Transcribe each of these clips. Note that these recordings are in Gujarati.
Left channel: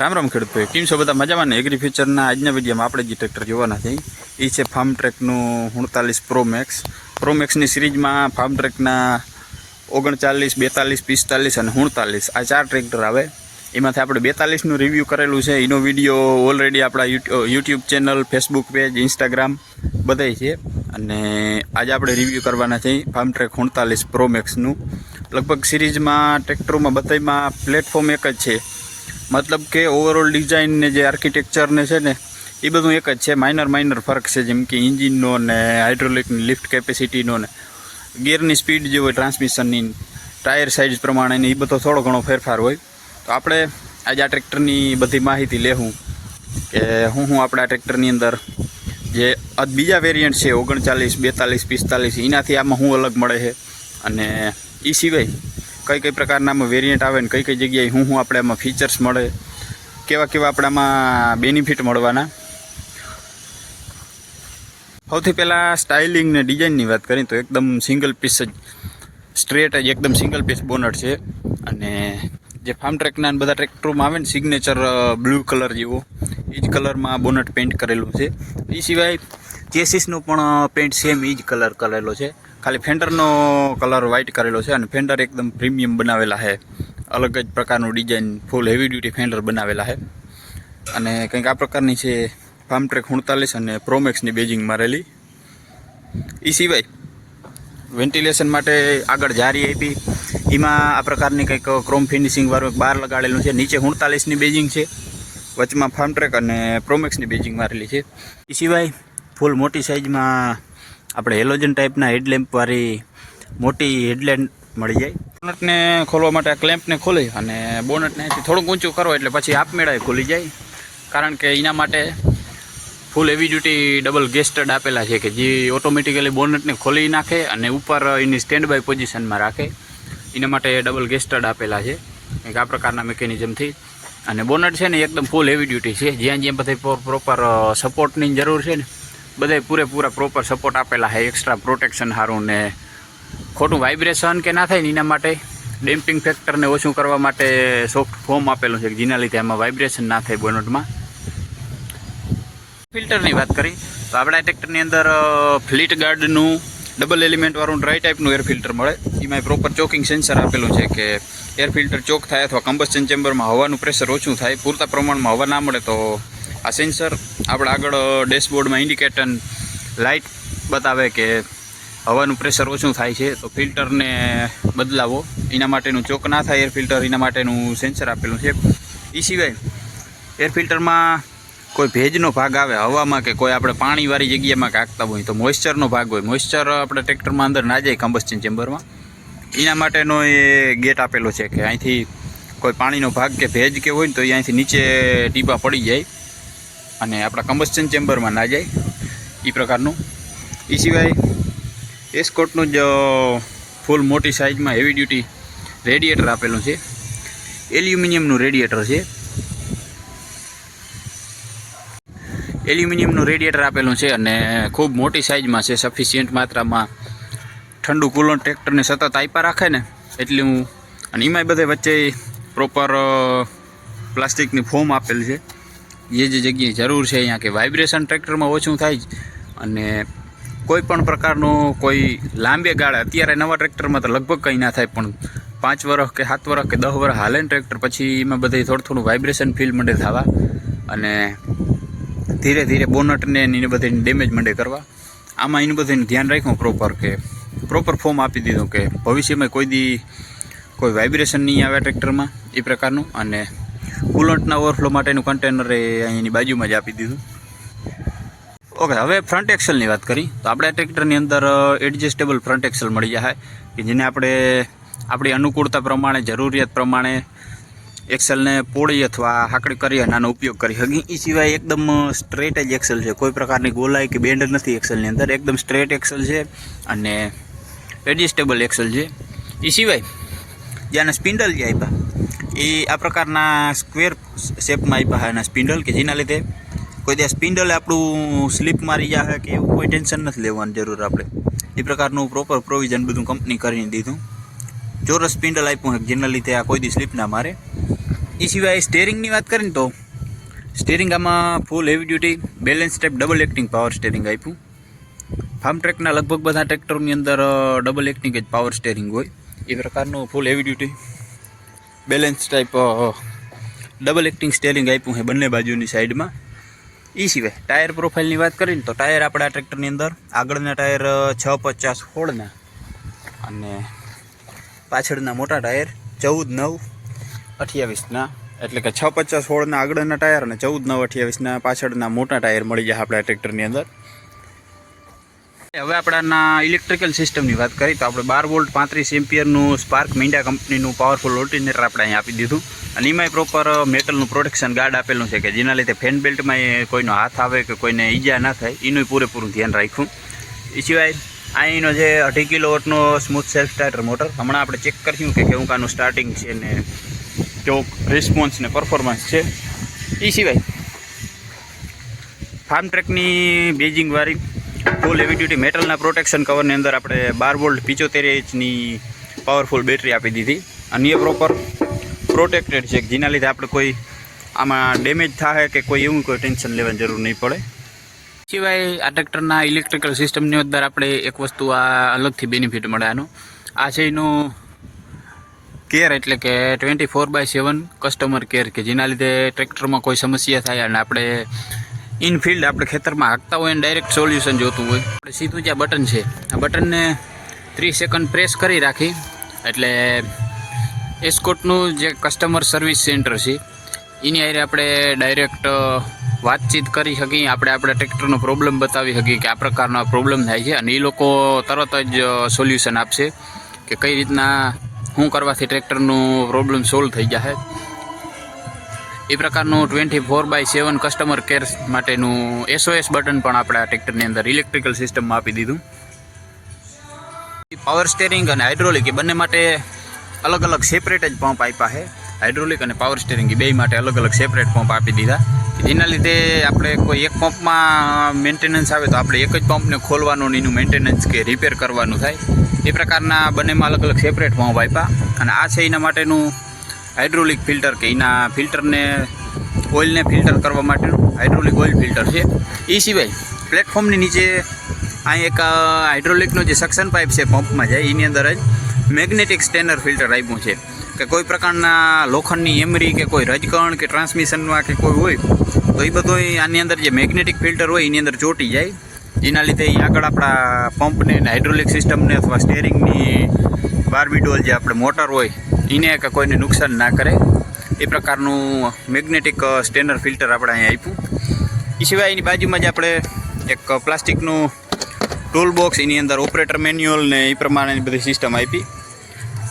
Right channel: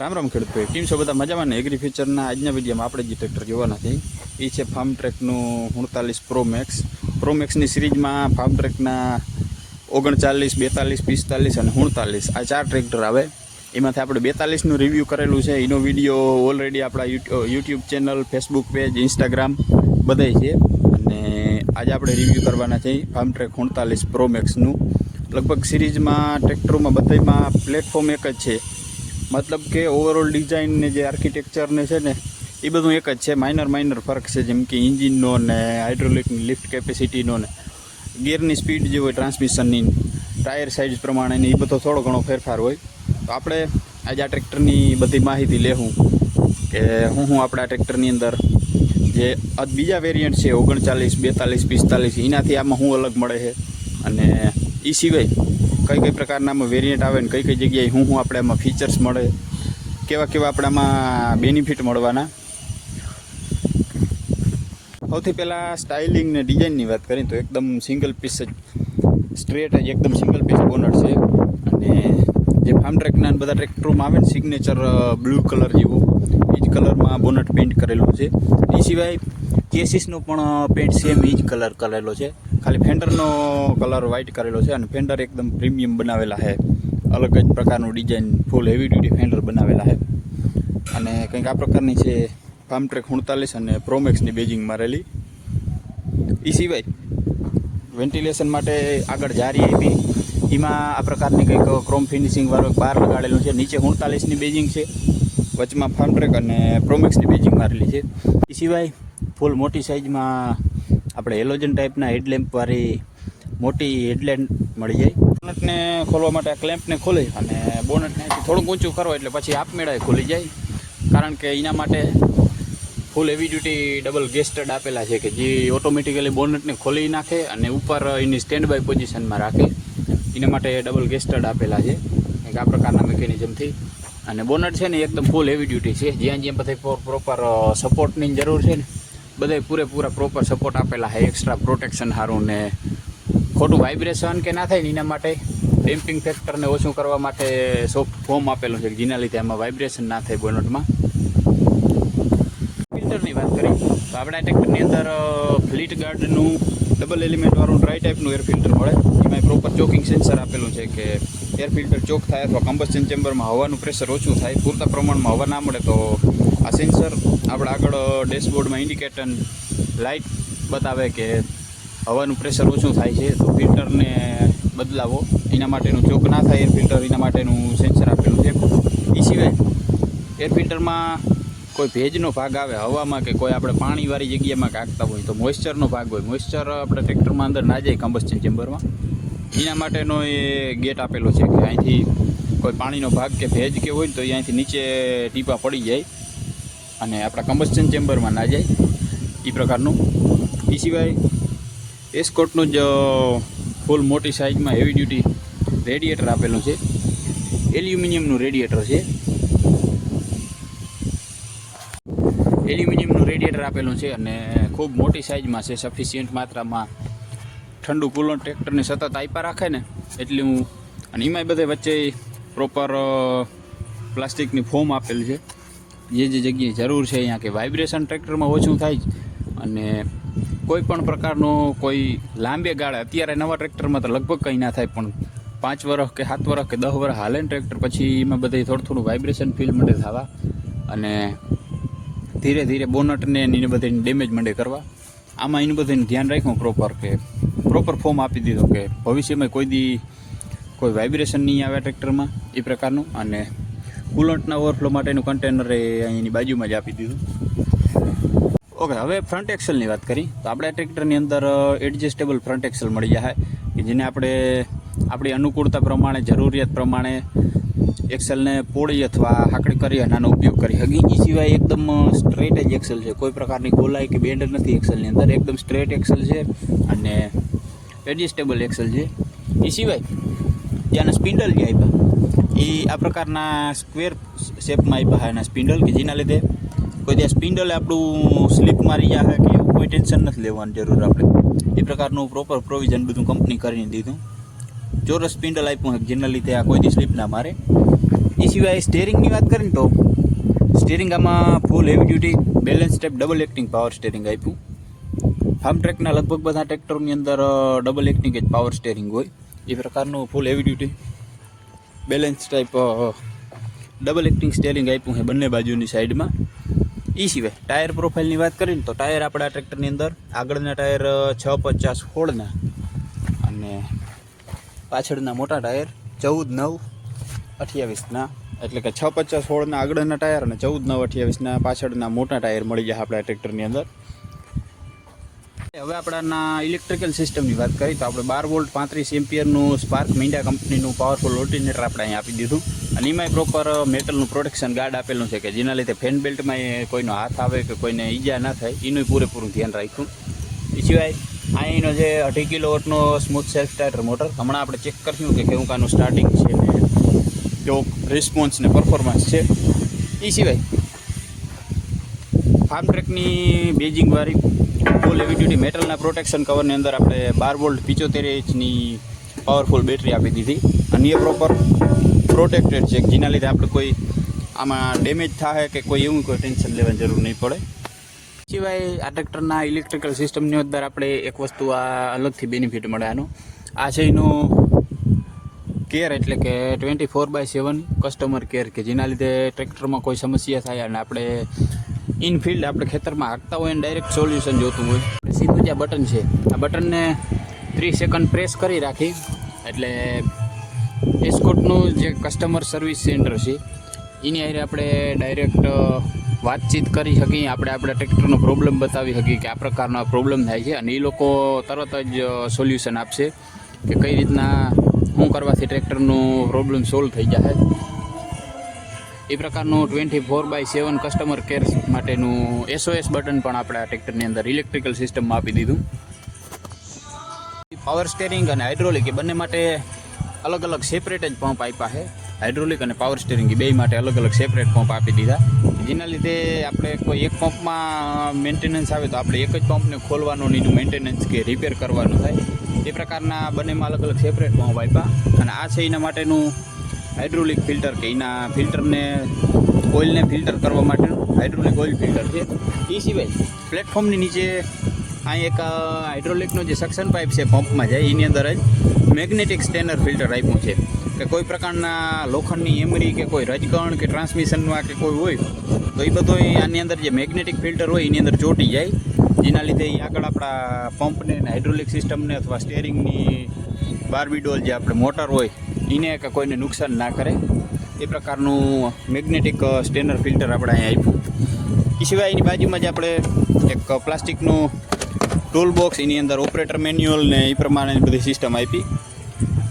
રામ રામ ખેડૂત ભાઈ, કેમ છો બધા મજામાં ને? એગ્રી ફ્યુચરના આજના વિડીયોમાં આપણે જે ટ્રેક્ટર જોવાના છે એ છે ફાર્મ ટ્રેકનું 49 પ્રો મેક્સની સિરીઝમાં ફાર્મ ટ્રેકના 39, 42, 45 અને 49 આ 4 ટ્રેક્ટર આવે. એમાંથી આપણે 42નું રિવ્યૂ કરેલું છે. એનો વિડીયો ઓલરેડી આપણા YouTube channel, Facebook page, Instagram બધાય છે. અને આજે આપણે રિવ્યૂ કરવાના છે ફાર્મ ટ્રેક 49 પ્રો મેક્સનું. લગભગ સિરીઝમાં ટ્રેક્ટરોમાં બધામાં પ્લેટફોર્મ એક જ છે, મતલબ કે ઓવરઓલ ડિઝાઇન ને જે આર્કિટેક્ચરને છે ને એ બધું એક જ છે. માઇનર ફરક છે, જેમ કે ઇન્જિનનો ને હાઇડ્રોલિકની લિફ્ટ કેપેસિટીનો ને ગિયરની સ્પીડ જે હોય, ટ્રાન્સમિશનની, ટાયર સાઇઝ પ્રમાણે એ બધો થોડો ઘણો ફેરફાર હોય. તો આપણે આજે આ ટ્રેક્ટરની બધી માહિતી લેવું કે હું આપણે આ ટ્રેક્ટરની અંદર જે બીજા વેરિયન્ટ છે 39, 42, 45 એનાથી આમાં શું અલગ મળે છે, અને એ સિવાય કઈ પ્રકારના આમાં વેરિયન્ટ આવે ને કઈ જગ્યાએ હું આપણે આમાં ફીચર્સ મળે, કેવા આપણે આમાં બેનિફિટ મળવાના. સૌથી પહેલાં સ્ટાઇલિંગ ને ડિઝાઇનની વાત કરીએ તો એકદમ સિંગલ પીસ જ, સ્ટ્રેટ જ એકદમ સિંગલ પીસ બોનટ છે. અને જે ફાર્મ ટ્રેકના બધા ટ્રેક્ટરોમાં આવે ને સિગ્નેચર બ્લુ કલર જેવો, એ જ કલરમાં બોનટ પેઇન્ટ કરેલું છે. એ સિવાય ચેસીસનો પણ પેઇન્ટ સેમ એ જ કલર કરેલો છે, ખાલી ફેન્ડરનો કલર વ્હાઇટ કરેલો છે. અને ફેન્ડર એકદમ પ્રીમિયમ બનાવેલા છે, અલગ જ પ્રકારનું ડિઝાઇન, ફૂલ હેવી ડ્યુટી ફેન્ડર બનાવેલા છે. અને કંઈક આ પ્રકારની છે ફાર્મ ટ્રેક 49 અને પ્રોમેક્સની બેજિંગ મારેલી. એ સિવાય વેન્ટિલેશન માટે આગળ જારી આપી, એમાં આ પ્રકારની કંઈક ક્રોમ ફિનિશિંગવાળું બાર લગાડેલું છે. નીચે 49ની બેજિંગ છે, વચમાં ફાર્મ ટ્રેક અને પ્રોમેક્સની બેજિંગ મારેલી છે. એ સિવાય ફૂલ મોટી સાઇઝમાં આપણે હેલોજન ટાઈપના હેડલેમ્પવાળી મોટી હેડલેમ્પ મળી જાય. બોનટને ખોલવા માટે આ ક્લેમ્પને ખોલી અને બોનટને થોડુંક ઊંચું કરો એટલે પછી આપમેળે ખુલી જાય. કારણ કે એના માટે ફૂલ હેવી ડ્યુટી ડબલ ગેસ્ટર્ડ આપેલા છે કે જે ઓટોમેટિકલી બોનટને ખોલી નાખે અને ઉપર એની સ્ટેન્ડ બાય પોઝિશનમાં રાખે. એના માટે ડબલ ગેસ્ટર્ડ આપેલા છે કંઈક આ પ્રકારના મિકેનિઝમથી. અને બોનટ છે ને એકદમ ફૂલ હેવી ડ્યુટી છે, જ્યાં બધા પ્રોપર સપોર્ટની જરૂર છે ને બધા પૂરેપૂરા પ્રોપર સપોર્ટ આપેલા છે. એક્સ્ટ્રા પ્રોટેક્શન સારું ને ખોટું વાઇબ્રેશન કે ના થાય ને એના માટે ડેમ્પિંગ ફેક્ટરને ઓછું કરવા માટે સોફ્ટ ફોમ આપેલું છે, જેના લીધે એમાં વાઇબ્રેશન ના થાય બોનટમાં. ફિલ્ટરની વાત કરી તો આપણા ટ્રેક્ટરની અંદર ફ્લીટ ગાર્ડનું ડબલ એલિમેન્ટવાળું ડ્રાય ટાઈપનું એર ફિલ્ટર મળે. એમાં પ્રોપર ચોકિંગ સેન્સર આપેલું છે કે એર ફિલ્ટર ચોક થાય અથવા કમ્બસ્ચન ચેમ્બરમાં હવાનું પ્રેશર ઓછું થાય, પૂરતા પ્રમાણમાં હવા ના મળે તો આ સેન્સર આપણે આગળ ડેશબોર્ડમાં ઇન્ડિકેટર લાઇટ બતાવે કે હવાનું પ્રેશર ઓછું થાય છે, તો ફિલ્ટરને બદલાવો. એના માટેનું ચોક ના થાય એર ફિલ્ટર, એના માટેનું સેન્સર આપેલું છે. એ સિવાય એર ફિલ્ટરમાં કોઈ ભેજનો ભાગ આવે હવામાં કે કોઈ આપણે પાણીવાળી જગ્યામાં કાંકતા હોય તો મોઇશ્ચરનો ભાગ હોય, મોઇશ્ચર આપણે ટ્રેક્ટરમાં અંદર ના જાય કમ્બસ્ચન ચેમ્બરમાં, એના માટેનો એ ગેટ આપેલો છે કે અહીંથી કોઈ પાણીનો ભાગ કે ભેજ કે હોય ને તો એ અહીંથી નીચે ટીપા પડી જાય અને આપણા કમ્બસ્ચન ચેમ્બરમાં ના જાય, એ પ્રકારનું. એ સિવાય એસ્કોર્ટનું જ ફૂલ મોટી સાઇઝમાં હેવી ડ્યુટી રેડિએટર આપેલું છે, એલ્યુમિનિયમનું રેડિએટર છે. એલ્યુમિનિયમનું રેડિએટર આપેલું છે અને ખૂબ મોટી સાઇઝમાં છે, સફિશિયન્ટ માત્રામાં ઠંડુ કુલન્ટ ટ્રેક્ટરને સતત આપ્યા રાખે ને એટલું. અને એમાંય બધે વચ્ચે પ્રોપર પ્લાસ્ટિકની ફોમ આપેલી છે, જે જગ્યાએ જરૂર છે અહીંયા કે વાઇબ્રેશન ટ્રેક્ટરમાં ઓછું થાય જ. અને કોઈ પણ પ્રકારનો કોઈ લાંબે ગાળે, અત્યારે નવા ટ્રેક્ટરમાં તો લગભગ કંઈ ના થાય, પણ 5 વર્ષ કે 7 વર્ષ કે 10 વર્ષ હાલે ને ટ્રેક્ટર પછી એમાં બધે થોડું વાઇબ્રેશન ફીલ મંડે થવા અને ધીરે ધીરે બોનટને એને બધાને ડેમેજ મંડે કરવા. આમાં એનું બધાને ધ્યાન રાખ્યું પ્રોપર કે પ્રોપર ફોર્મ આપી દીધું કે ભવિષ્યમાં કોઈ વાઇબ્રેશન નહીં આવે ટ્રેક્ટરમાં, એ પ્રકારનું. અને કુલન્ટના ઓવરફ્લો માટેનું કન્ટેનર એ અહીંની બાજુમાં જ આપી દીધું. ઓકે, હવે ફ્રન્ટ એક્સલની વાત કરી તો આપણે ટ્રેક્ટરની અંદર એડજસ્ટેબલ ફ્રન્ટ એક્સલ મળી જાય કે જેને આપણે આપણી અનુકૂળતા પ્રમાણે, જરૂરિયાત પ્રમાણે એક્સલને પોળી અથવા હાકડી કરી અને આનો ઉપયોગ કરી શકીએ. એ સિવાય એકદમ સ્ટ્રેટ જ એક્સલ છે, કોઈ પ્રકારની ગોલાઈ કે બેન્ડ નથી એક્સલની અંદર, એકદમ સ્ટ્રેટ એક્સલ છે અને એડજસ્ટેબલ એક્સલ છે. એ સિવાય ત્યાંના સ્પિન્ડલ જે આપ્યા એ આ પ્રકારના સ્ક્વેર શેપમાં આપ્યા એના સ્પિન્ડલ, કે જેના લીધે કોઈ ત્યાં સ્પિન્ડલે આપણું સ્લીપ મારી જાય કે એવું કોઈ ટેન્શન નથી લેવાની જરૂર આપણે. એ પ્રકારનું પ્રોપર પ્રોવિઝન બધું કંપની કરીને દીધું. ચોરસ સ્પિન્ડલ આપ્યું જેના લીધે આ કોઈ દી સ્લીપ ના મારે. એ સિવાય સ્ટેરિંગની વાત કરીને તો સ્ટેરિંગ આમાં ફૂલ heavy duty balance type double acting power steering આપ્યું. ફાર્મ ટ્રેકના લગભગ બધા ટ્રેક્ટરની અંદર ડબલ એક્ટિંગ જ પાવર સ્ટેરિંગ હોય. એ પ્રકારનું ફૂલ heavy duty balance type double acting steering આપ્યું છે બંને બાજુની સાઈડમાં. એ સિવાય ટાયર પ્રોફાઇલની વાત કરીને તો ટાયર આપણા ટ્રેક્ટરની અંદર આગળના ટાયર 650/16ના અને પાછળના મોટા ટાયર 14/9/28ના, એટલે કે 650/16ના આગળના ટાયર અને 14/9/28ના પાછળના મોટા ટાયર મળી જાય આપણા ટ્રેક્ટરની અંદર. હવે આપણાના ઇલેક્ટ્રિકલ સિસ્ટમની વાત કરીએ તો આપણે 12 વોલ્ટ 35 એમ્પિયરનું સ્પાર્ક મિન્ડા કંપનીનું પાવરફુલ ઓલ્ટરનેટર આપણે અહીં આપી દીધું. અને એમાંય પ્રોપર મેટલનું પ્રોટેક્શન ગાર્ડ આપેલું છે કે જેના લીધે ફેન બેલ્ટમાં કોઈનો હાથ આવે કે કોઈને ઈજા ના થાય એનું પૂરેપૂરું ધ્યાન રાખ્યું. એ સિવાય અહીંનો જે 2.5 કિલોવોટનો સ્મૂથ સેલ્ફ સ્ટાર્ટર મોટર હમણાં આપણે ચેક કરીશું કે કેવું કાનું સ્ટાર્ટિંગ છે ને કેવો રિસ્પોન્સ ને પરફોર્મન્સ છે. એ સિવાય ફાર્મ ટ્રેકની બેજિંગવાળી ફૂલ હેવી ડ્યુટી મેટલના પ્રોટેક્શન કવરની અંદર આપણે 12 વોલ્ટ 75 ઇંચની પાવરફુલ બેટરી આપી દીધી. અને એ પ્રોપર પ્રોટેક્ટેડ છે જેના લીધે આપણે કોઈ આમાં ડેમેજ થાય કે કોઈ એવું કોઈ ટેન્શન લેવાની જરૂર નહીં પડે. સિવાય આ ટ્રેક્ટરના ઇલેક્ટ્રિકલ સિસ્ટમની અંદર આપણે એક વસ્તુ આ અલગથી બેનિફિટ મળે આનો, આ છે એનું કેર, એટલે કે 24/7 કસ્ટમર કેર, કે જેના લીધે ટ્રેક્ટરમાં કોઈ સમસ્યા થાય અને આપણે ઇનફિલ્ડ આપણે ખેતરમાં હાંકતા હોય અને ડાયરેક્ટ સોલ્યુશન જોતું હોય, આપણે સીધું જે બટન છે આ બટનને 30 સેકન્ડ પ્રેસ કરી રાખી એટલે એસ્કોર્ટનું જે કસ્ટમર સર્વિસ સેન્ટર છે એની હારે આપણે ડાયરેક્ટ વાતચીત કરી શકીએ, આપણે આપણા ટ્રેક્ટરનો પ્રોબ્લેમ બતાવી શકીએ કે આ પ્રકારનો પ્રોબ્લેમ થાય છે અને એ લોકો તરત જ સોલ્યુશન આપશે કે કઈ રીતના શું કરવાથી ટ્રેક્ટરનું પ્રોબ્લેમ સોલ્વ થઈ જાય. એ પ્રકારનું 24/7 કસ્ટમર કેર માટેનું SOS બટન પણ આપણા ટ્રેક્ટરની અંદર ઇલેક્ટ્રિકલ સિસ્ટમમાં આપી દીધું. પાવર સ્ટેરિંગ અને હાઇડ્રોલિક એ બંને માટે અલગ અલગ સેપરેટ જ પંપ આપ્યા છે. હાઇડ્રોલિક અને પાવર સ્ટેરિંગ એ બે માટે અલગ અલગ સેપરેટ પંપ આપી દીધા, જેના લીધે આપણે કોઈ એક પંપમાં મેન્ટેનન્સ આવે તો આપણે એક જ પંપને ખોલવાનું એનું મેન્ટેનન્સ કે રિપેર કરવાનું થાય. એ પ્રકારના બંનેમાં અલગ અલગ સેપરેટ પંપ આપ્યા. અને આ છે એના માટેનું હાઇડ્રોલિક ફિલ્ટર, કે એના ફિલ્ટરને ઓઇલને ફિલ્ટર કરવા માટેનું હાઇડ્રોલિક ઓઇલ ફિલ્ટર છે. એ સિવાય પ્લેટફોર્મની નીચે અહીં એક હાઇડ્રોલિકનો જે સક્શન પાઇપ છે પંપમાં જાય એની અંદર જ મેગ્નેટિક સ્ટેનર ફિલ્ટર આપ્યું છે કે કોઈ પ્રકારના લોખંડની એમરી કે કોઈ રજકણ કે ટ્રાન્સમિશનમાં કે કોઈ હોય તો એ બધું આની અંદર જે મેગ્નેટિક ફિલ્ટર હોય એની અંદર ચોંટી જાય, જેના લીધે એ આગળ આપણા પંપને હાઇડ્રોલિક સિસ્ટમને અથવા સ્ટેરિંગની બારબીડોલ જે આપણે મોટર હોય એને કે કોઈને નુકસાન ના કરે. એ પ્રકારનું મેગ્નેટિક સ્ટેનર ફિલ્ટર આપણે અહીંયા આપ્યું. એ સિવાય એની બાજુમાં જ આપણે એક પ્લાસ્ટિકનું ટૂલ બોક્સ, એની અંદર ઓપરેટર મેન્યુઅલ ને એ પ્રમાણેની બધી સિસ્ટમ આપી.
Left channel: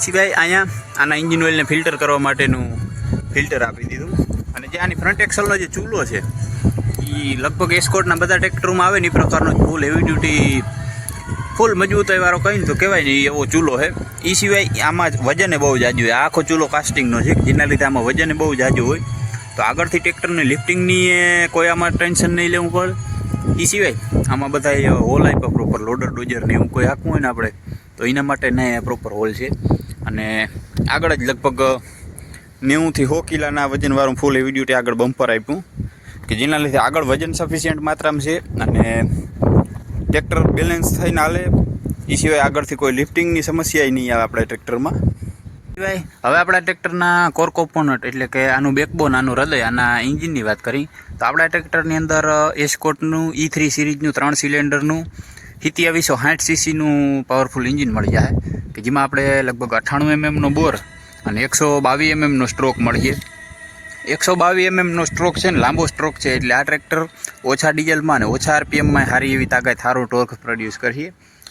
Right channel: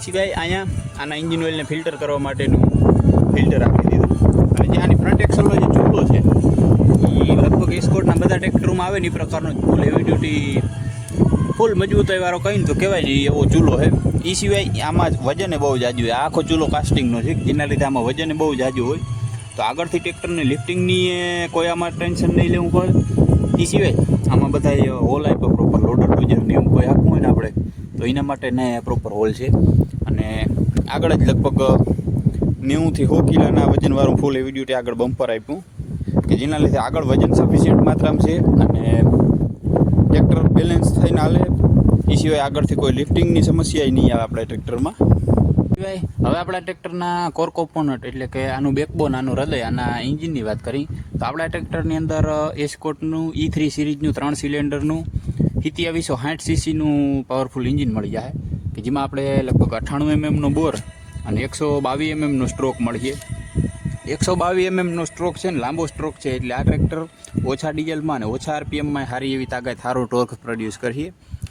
સિવાય અહીંયા આના એન્જિન ઓઇલને ફિલ્ટર કરવા માટેનું ફિલ્ટર આપી દીધું. અને જે આની ફ્રન્ટ એક્સલનો જે ચૂલો છે એ લગભગ એસ્કોર્ટના બધા ટ્રેક્ટરોમાં આવે ને એ પ્રકારનો ફૂલ હેવી ડ્યુટી ફૂલ મજબૂતાઈવાળો કહીને તો કહેવાય ને એવો ચૂલો છે. એ સિવાય આમાં વજને બહુ જાજુ હોય, આખો ચૂલો કાસ્ટિંગનો છે જેના લીધે આમાં વજને બહુ જાજુ હોય તો આગળથી ટ્રેક્ટરની લિફ્ટિંગની કોઈ આમાં ટેન્શન નહીં લેવું પડે. એ સિવાય આમાં બધા હોલ આપ્યા પ્રોપર લોડર ડોઝર ને એવું કોઈ આપવું હોય ને આપણે તો એના માટે ને પ્રોપર હોલ છે. અને આગળ જ લગભગ 90 થી 100 કિલોના વજનવાળું ફૂલ હેવી ડ્યુટી આગળ બમ્પર આપ્યું કે જેના લીધે આગળ વજન સફિશિયન્ટ માત્રામાં છે અને ટ્રેક્ટર બેલેન્સ થઈને હાલે. એ સિવાય આગળથી કોઈ લિફ્ટિંગની સમસ્યા નહીં આવે આપણા ટ્રેક્ટરમાં. સિવાય હવે આપણા ટ્રેક્ટરના કોર કોમ્પોનન્ટ એટલે કે આનું બેકબોન, આનું હૃદય, આના એન્જિનની વાત કરી તો આપણા ટ્રેક્ટરની અંદર એસ્કોર્ટનું E3 સિરીઝનું 3 સિલિન્ડરનું 2760 સીસીનું પાવરફુલ એન્જિન મળી જાય કે જેમાં આપણે લગભગ 98 mmનો બોર અને 122 mmનો સ્ટ્રોક મળીએ. 122 mmનો સ્ટ્રોક છે ને લાંબો સ્ટ્રોક છે એટલે આ ટ્રેક્ટર ઓછા ડીઝલમાં અને ઓછા RPMમાં સારી એવી તાકાત સારો ટોર્ક પ્રોડ્યુસ કરીએ.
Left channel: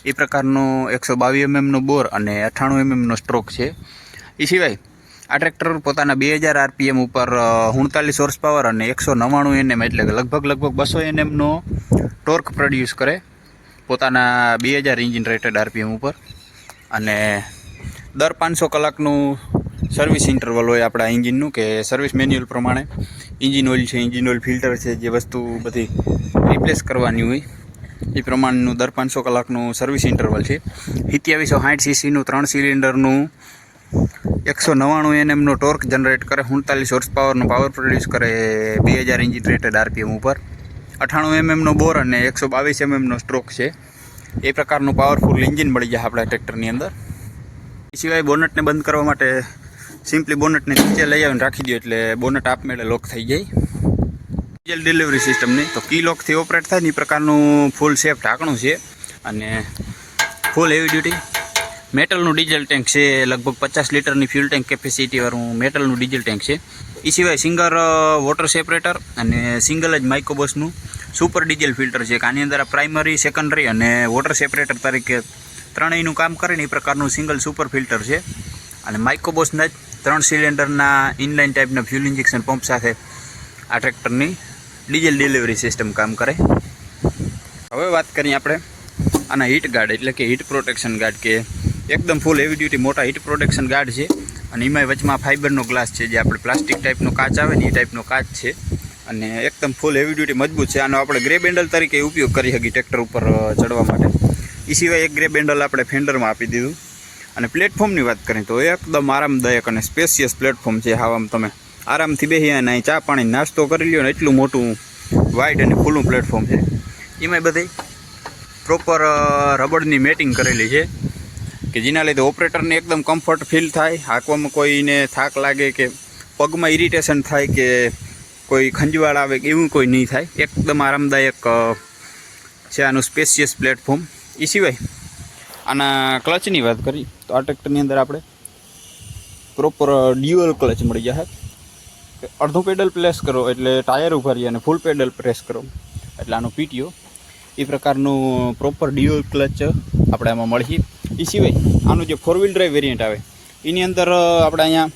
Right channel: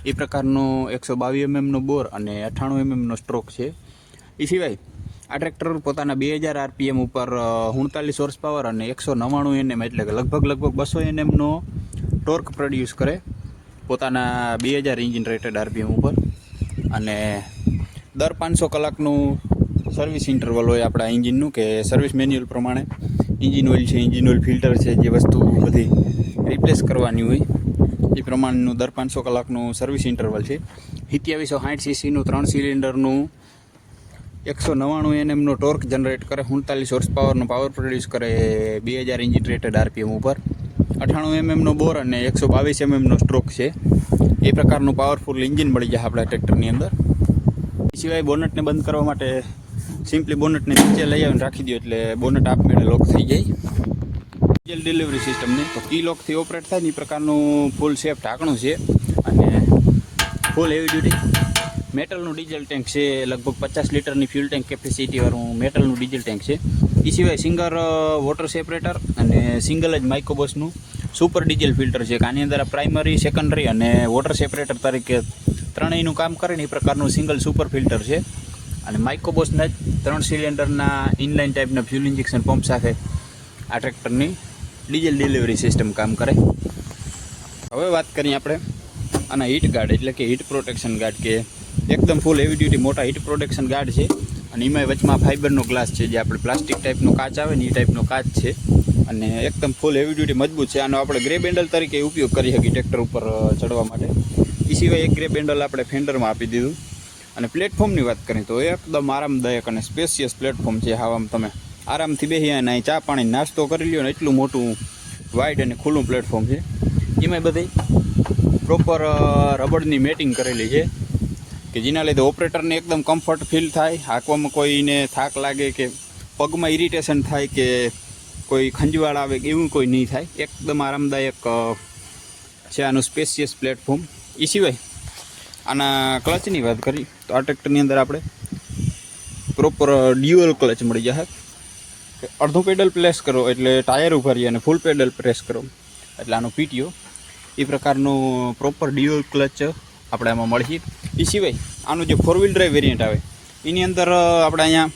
એ પ્રકારનો 122 mmનો બોર અને 98 mmનો સ્ટ્રોક છે. એ સિવાય આ ટ્રેક્ટર પોતાના 2000 RPM ઉપર 39 હોર્સ પાવર અને 199 Nm એટલે કે લગભગ 200 Nmનો ટોર્ક પ્રોડ્યુસ કરે પોતાના 2000 એન્જિન રેટેડ RPM ઉપર. અને દર 500 કલાકનું સર્વિસ ઇન્ટરવલ હોય આપણા એન્જિનનું, કે સર્વિસ મેન્યુઅલ પ્રમાણે એન્જિન ઓઇલ છે, એન્જિન ઓઇલ ફિલ્ટર છે, જે વસ્તુ બધી રિપ્લેસ કરવાની હોય એ પ્રમાણેનું દર 500 કલાકનું સર્વિસ ઇન્ટરવલ છે. 2760 સીસીનું 3 સિલિન્ડરનું 199 Nm ટોર્ક જનરેટ કરે, 39 હોર્સ પાવરનો પાવર પ્રોડ્યુસ કરે 2000 ઇન્જિન રેટેડ RPM ઉપર, 98 mm બોર અને 122 mm સ્ટ્રોક છે. એ પ્રકારનું પાવરફુલ એન્જિન મળી જાય આપણા ટ્રેક્ટરની અંદર. એ સિવાય બોનટને બંધ કરવા માટે સિમ્પલી બોનટને નીચે લઈ આવીને રાખી દો એટલે બોનટ આપમેળે લોક થઈ જાય. ડીઝલ ડિલિવરી સિસ્ટમની તો કી લોકથી ઓપરેટ થાય ને એ પ્રકારનું ફૂલ સેફ ઢાંકણું છે અને ફૂલ હેવી ડ્યુટી મેટલનું ડીઝલ ટેન્ક છે. લગભગ 50 લીટરની ફ્યુલ ટેન્ક કેપેસિટીવાળું મેટલનું ડીઝલ ટેન્ક છે. એ સિવાય સિંગલ વોટર સેપરેટર અને સિંગલ જ માઇક્રોબસનું સુપર ડીઝલ ફિલ્ટર છે. આની અંદર પ્રાઇમરી, સેકન્ડરી અને વોટર સેપરેટર તરીકે ત્રણેયનું કામ કરે ને એ પ્રકારનું સિંગલ સુપર ફિલ્ટર છે. અને માઇક્રોબસના જ 3 સિલિન્ડરના ઇનલાઇન ટાઈપના ફ્યુલ ઇન્જેક્શન પંપ સાથે આ ટ્રેક્ટરની ડીઝલ ડિલિવરી સિસ્ટમ કામ કરે. હવે વાત કરીએ આપણે આના હીટ ગાર્ડ એટલે કે હીટ પ્રોટેક્શન ગાર્ડ, કે એકદમ ફૂલ હેવી ડ્યુટી મોટા હીટ પ્રોટેક્શન ગાર્ડ છે. અને એમાં વચમાં ફાઇબરનો ગ્લાસ છે, જે આપણે પ્લાસ્ટિક ટાઈપનો કાચ આવે ને એ ટાઈપનો કાચ છે અને એકદમ ફૂલ હેવી ડ્યુટી મજબૂત છે. આનો આપણે ગ્રે બેન્ડલ તરીકે ઉપયોગ કરી શકીએ ટ્રેક્ટર ઉપર ચડવા માટે. એ સિવાય એક ગ્રે બેન્ડલ આપણે ફેન્ડરમાં આપી દીધું. અને પ્લેટફોર્મની વાત કરીએ તો એકદમ આરામદાયક અને સ્પેશિયસ પ્લેટફોર્મ છે. આમ તમે આરામથી બેસી અને અહીં ચા પાણી નાસ્તો કરી લ્યો ને એટલું મોટું વાઇડ અને ખુલ્લું પ્લેટફોર્મ છે. એમાંય બધી પ્રોપર રબડની મેટિંગ કરેલી છે કે જેના લીધે ઓપરેટરને એકદમ કમ્ફર્ટ ફીલ થાય. હાંકવામાં કોઈને થાક લાગે કે પગમાં ઇરિટેશન થાય કે કોઈ ખંજવાળ આવે એવું કોઈ નહીં થાય. એકદમ આરામદાયક છે આનું સ્પેશિયસ પ્લેટફોર્મ. એ સિવાય આના ક્લચની વાત કરી તો આ ટ્રેક્ટરની અંદર આપણે પ્રોપર ડ્યુઅલ ક્લચ મળી જશે. અડધું પેડલ પ્રેસ કરો એટલે ટાયર ઉભા રહીએ અને ફૂલ પેડલ પ્રેસ કરો એટલે આનો PTO. એ પ્રકારનું પ્રોપર ડ્યુઅલ ક્લચ આપણે આમાં મળી. એ સિવાય આનું જે 4 વ્હીલ ડ્રાઈવ વેરિયન્ટ આવે એની અંદર આપણે અહીંયા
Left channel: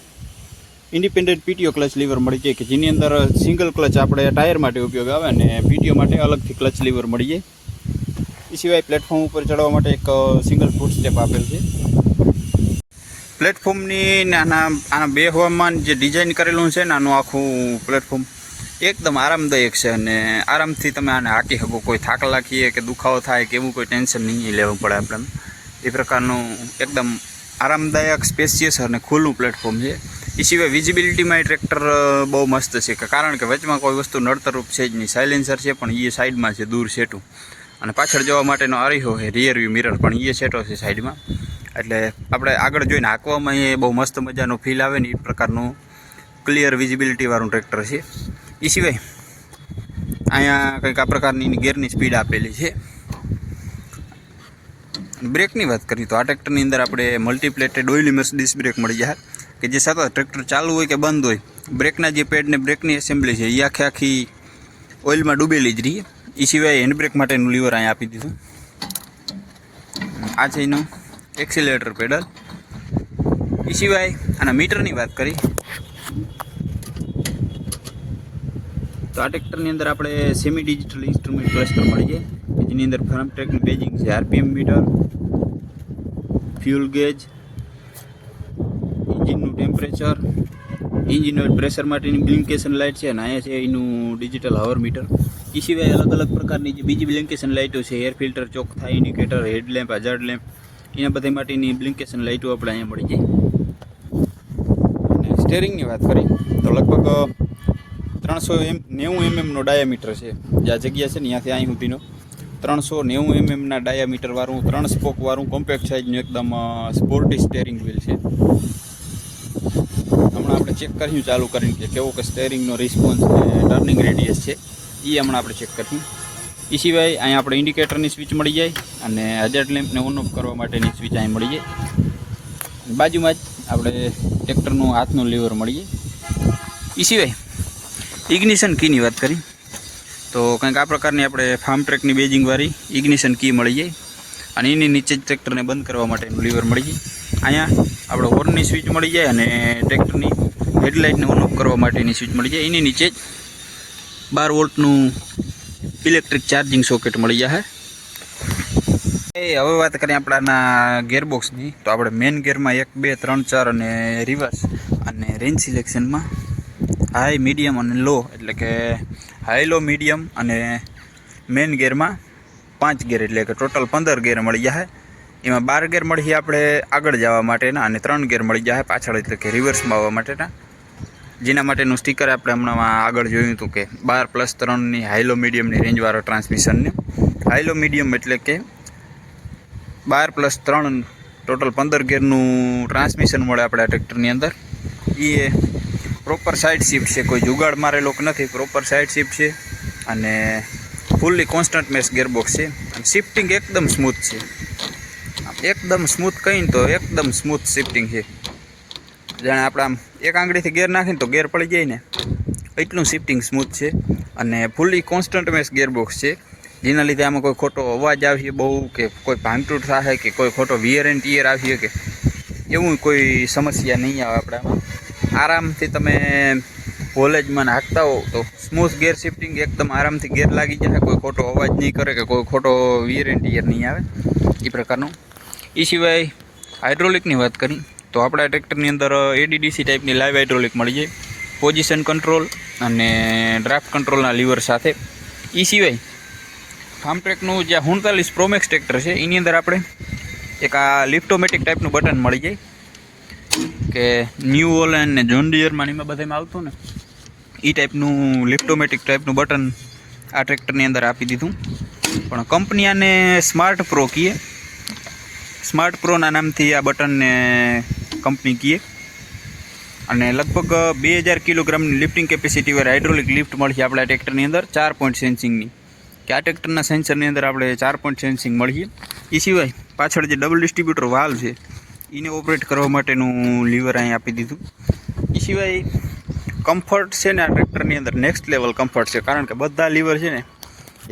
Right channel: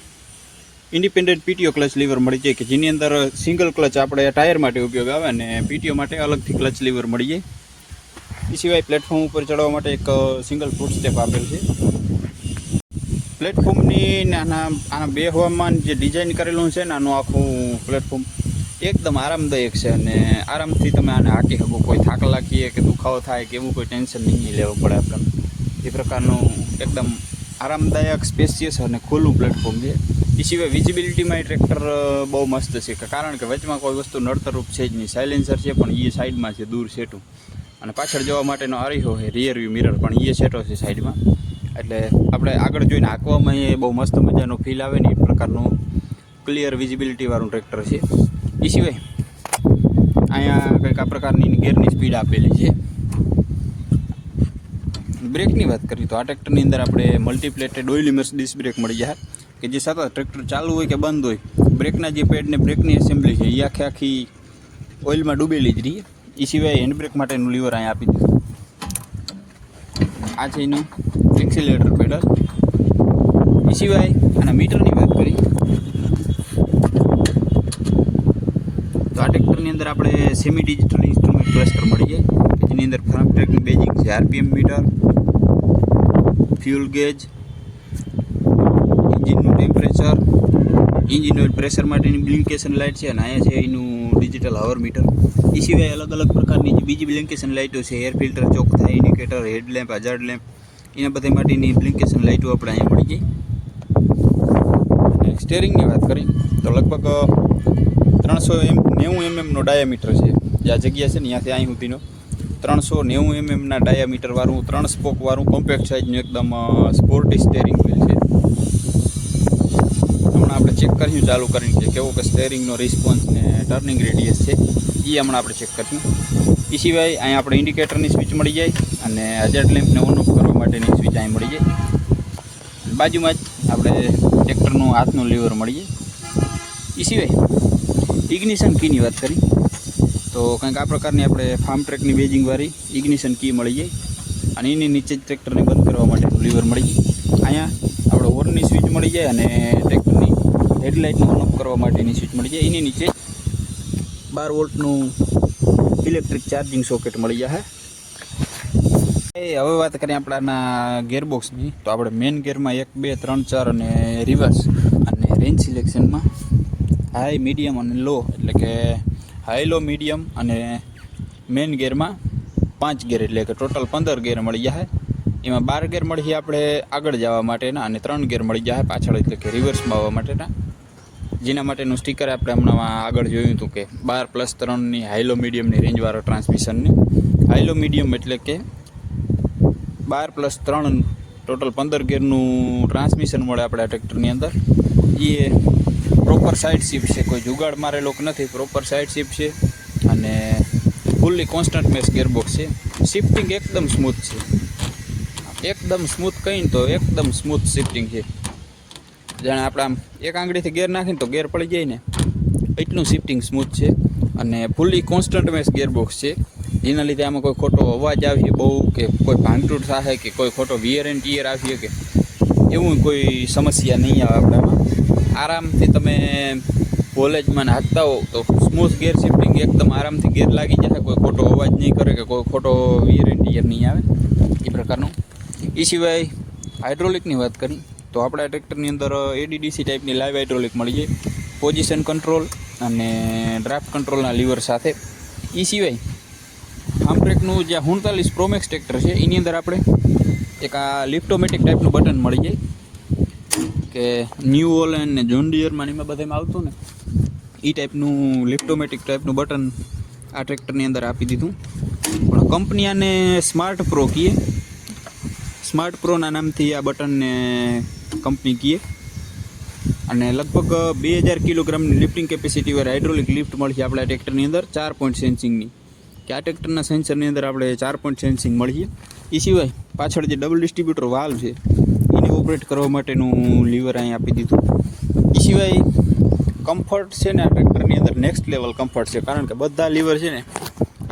ઇન્ડિપેન્ડન્ટ PTO ક્લચ લીવર મળી જાય કે જેની અંદર સિંગલ ક્લચ આપણે ટાયર માટે ઉપયોગ આવે અને PTO માટે અલગથી ક્લચ લીવર મળી જાય. એ સિવાય પ્લેટફોર્મ ઉપર ચડવા માટે એક સિંગલ ફૂટ સ્ટેપ આપેલ છે. પ્લેટફોર્મની આના બે હવામાન જે ડિઝાઇન કરેલું છે ને આનું આખું પ્લેટફોર્મ એકદમ આરામદાયક છે અને આરામથી તમે આને હાંકી શકો. કોઈ થાક લાગીએ કે દુખાવો થાય કે એવું કોઈ ટેન્શન નહીં લેવું પડે આપણને. એ પ્રકારનું એકદમ આરામદાયક, સ્પેશિયસ અને ખુલ્લું પ્લેટફોર્મ છે. એ સિવાય વિઝિબિલિટીમાં એ ટ્રેક્ટર બહુ મસ્ત છે કારણ કે વચમાં કોઈ વસ્તુ નડતરરૂપ છે જ નહીં. સાયલેન્સર છે પણ એ સાઈડમાં છે, દૂર સેટું. અને પાછળ જવા માટેનો અરીહો છે, રિયર વ્યૂ મિરર પણ એ સેટો છે સાઈડમાં. એટલે આપણે આગળ જોઈને હાંકવામાં એ બહુ મસ્ત મજાનો ફીલ આવે ને એ પ્રકારનું ક્લિયર વિઝિબિલિટીવાળું ટ્રેક્ટર છે. એ સિવાય અહીંયા કંઈક આ પ્રકારની ગેરની સ્પીડ આપેલી છે. બ્રેકની વાત કરીએ તો આ ટ્રેક્ટરની અંદર આપણે મલ્ટીપ્લેટેડ ઓઇલ ઇમર્સ ડિસ્ક બ્રેક મળી જાય કે જે સતત ટ્રેક્ટર ચાલુ હોય કે બંધ હોય બ્રેકના જે પેડ ને બ્રેકની એસેમ્બલી છે એ આખી ઓઇલમાં ડૂબેલી જ રહી. એ સિવાય હેન્ડ બ્રેક માટેનું લીવર અહીંયા આપી દીધું. આ છે એનું એક્સિલેટર પેડલ. એ સિવાય આના મીટરની વાત કરી તો આ ટ્રેક્ટરની અંદર આપણે સેમી ડિજિટલ ઇન્સ્ટ્રુમેન્ટ ક્લસ્ટર મળી જાય કે જેની અંદર ફર્મ ટ્રેકની બેજિંગ છે, RPM મીટર, ફ્યુલ ગેજ, એન્જિનનું ટેમ્પરેચર, એન્જિન ઓઇલ પ્રેશર માટેની બ્લિંકેશન લાઇટ છે અને અહીંયા છે એનું ડિજિટલ હવર મીટર. એ સિવાય અલગ અલગ પ્રકારની જે બીજી બ્લિંકેશન લાઇટો છે, એર ફિલ્ટર, ચોક થાય, ઇન્ડિકેટર, હેડલેમ્પ, હજાર્ડ લેમ્પ, એના બધા માટેની બ્લિંકેશન લાઇટો આપણે અહીંયા મળી જાય. અને સ્ટેરિંગની વાત કરી તો લગભગ 390 mm ડાયામીટર છે. જે આ જગ્યા છે ને ત્યાંથી અહીં સુધીનો 390 mm ડાયામીટરવાળું 3 સ્પોકવાળું કોમ્પેક્ટ સાઇઝનું એકદમ સ્પોર્ટી સ્ટેરિંગ વ્હીલ છે. હમણાં આપણે ચેક કર્યું ચાલુ કરીને કે કેવો કે સ્ટેરિંગનો રિસ્પોન્સ ને ટર્નિંગ રેડિયસ છે એ હમણાં આપણે ચેક કર્યું. એ સિવાય અહીંયા આપણે ઇન્ડિકેટરની સ્વિચ મળી જાય અને હજાર્ડ લેમ્પને ઓન ઓફ કરવા માટેની સ્વિચ અહીં મળી જાય. બાજુમાં જ આપણે ટ્રેક્ટરનું હાથનું લીવર મળી જાય. એ સિવાય ઇગ્નિશન કીની વાત કરી તો કંઈક આ પ્રકારની આપણે ફાર્મ ટ્રેકની બેજિંગવાળી ઇગ્નિશન કી મળી જાય અને એની નીચે જ ટ્રેક્ટરને બંધ કરવા માટેનું લીવર મળી જાય. અહીંયા આપણે હોર્નની સ્વિચ મળી જાય અને ટ્રેક્ટરની હેડલાઇટને ઓન ઓફ કરવા માટેની સ્વિચ મળી જાય. એની નીચે 12 વોલ્ટનું ઇલેક્ટ્રિક ચાર્જિંગ સોકેટ મળી જાય. હવે વાત કરીએ આપણાના ગેરબોક્સની તો આપણે મેઇન ગેરમાં 1, 2, 3, 4 અને રિવર્સ અને રેન્જ સિલેક્શનમાં હાઈ, મીડિયમ અને લો એટલે કે હાઈ, લો, મીડિયમ અને મેઇન ગેરમાં 5 ગેર એટલે કે ટોટલ 15 ગેર મળી જાય. એમાં 12 ગેર મળી આપણે આગળ જવા માટેના અને 3 ગેર મળી જાય પાછળ, એટલે કે રિવર્સમાં આવવા માટેના. જેના માટેનું સ્ટીકર આપણે હમણાં આગળ જોયું હતું કે 12+3ની હાઈલો મીડિયમની રેન્જવાળો ટ્રાન્સમિશનને. હાઈલો મીડિયમ એટલે કે 12+3 ટોટલ 15 ગેરનું ટ્રાન્સમિશન મળે આપણે આ ટ્રેક્ટરની અંદર. એ પ્રોપર સાઇડ શિફ્ટ છે, કોઈ જુગાડ મારેલો નથી, પ્રોપર સાઇડ શિફ્ટ છે અને ફૂલ્લી કોન્સ્ટન્ટ મેશ ગેરબોક્સ છે. શિફ્ટિંગ એકદમ સ્મૂથ છે, એકદમ સ્મૂથ કહીને તો એકદમ સ્મૂથ શિફ્ટિંગ છે. જાણે આપણે આમ એક આંગળીથી ગેર નાખીને તો ગેર પડી જાય ને એટલું શિફ્ટિંગ સ્મૂથ છે અને ફૂલ્લી કોન્સ્ટન્ટ મેશ ગેરબોક્સ છે. જેના લીધે આમાં કોઈ ખોટો અવાજ આવીએ બહુ, કે કોઈ ભાંગતૂટ થાય, કે કોઈ ખોટો વિયર એન્ડ ટીયર આવીએ, કે એવું કોઈ સમસ્યા નહીં આવે આપણામાં. આરામથી તમે કોલેજમાં હાંકતા હો તો સ્મૂથ ગેર શિફ્ટિંગ એકદમ આરામથી ગેર લાગી જાય, કોઈ ખોટો અવાજ નહીં કરે, કે કોઈ ખોટો વિયર એન્ડ ટીયર નહીં આવે એ પ્રકારનું. એ સિવાય હાઇડ્રોલિકની વાત કરી તો આપણા ટ્રેક્ટરની અંદર એડીડીસી ટાઈપની લાઈવ હાઇડ્રોલિક મળી જાય, પોઝિશન કંટ્રોલ અને ડ્રાફ્ટ કંટ્રોલના લીવર સાથે. એ સિવાય ફાર્મટ્રેકનું જે 39 Pro Max ટ્રેક્ટર છે એની અંદર આપણે એક આ લિફ્ટોમેટિક ટાઈપનું બટન મળી જાય, કે ન્યૂ ઓલેન્ડ ને જોન ડિયરમાં એમાં બધામાં આવતું ને એ ટાઈપનું લિફ્ટોમેટિક ટાઈપનું બટન આ ટ્રેક્ટરની અંદર આપી દીધું. પણ કંપની આને સ્માર્ટ પ્રો કહીએ, સ્માર્ટ પ્રોના નામથી આ બટનને કંપની કહીએ. અને લગભગ 2000 કિલોગ્રામની લિફ્ટિંગ કેપેસિટીવાળી હાઇડ્રોલિક લિફ્ટ મળશે આપણા ટ્રેક્ટરની અંદર 4 પોઈન્ટ સેન્સિંગની, કે આ ટ્રેક્ટરના સેન્સરની અંદર આપણે 4 પોઈન્ટ સેન્સિંગ મળીએ. એ સિવાય પાછળ જે ડબલ ડિસ્ટ્રીબ્યુટર વાલ્વ છે એને ઓપરેટ કરવા માટેનું લીવર અહીં આપી દીધું. એ સિવાય કમ્ફર્ટ છે ને આ ટ્રેક્ટરની અંદર નેક્સ્ટ લેવલ કમ્ફર્ટ છે, કારણ કે બધા લીવર છે ને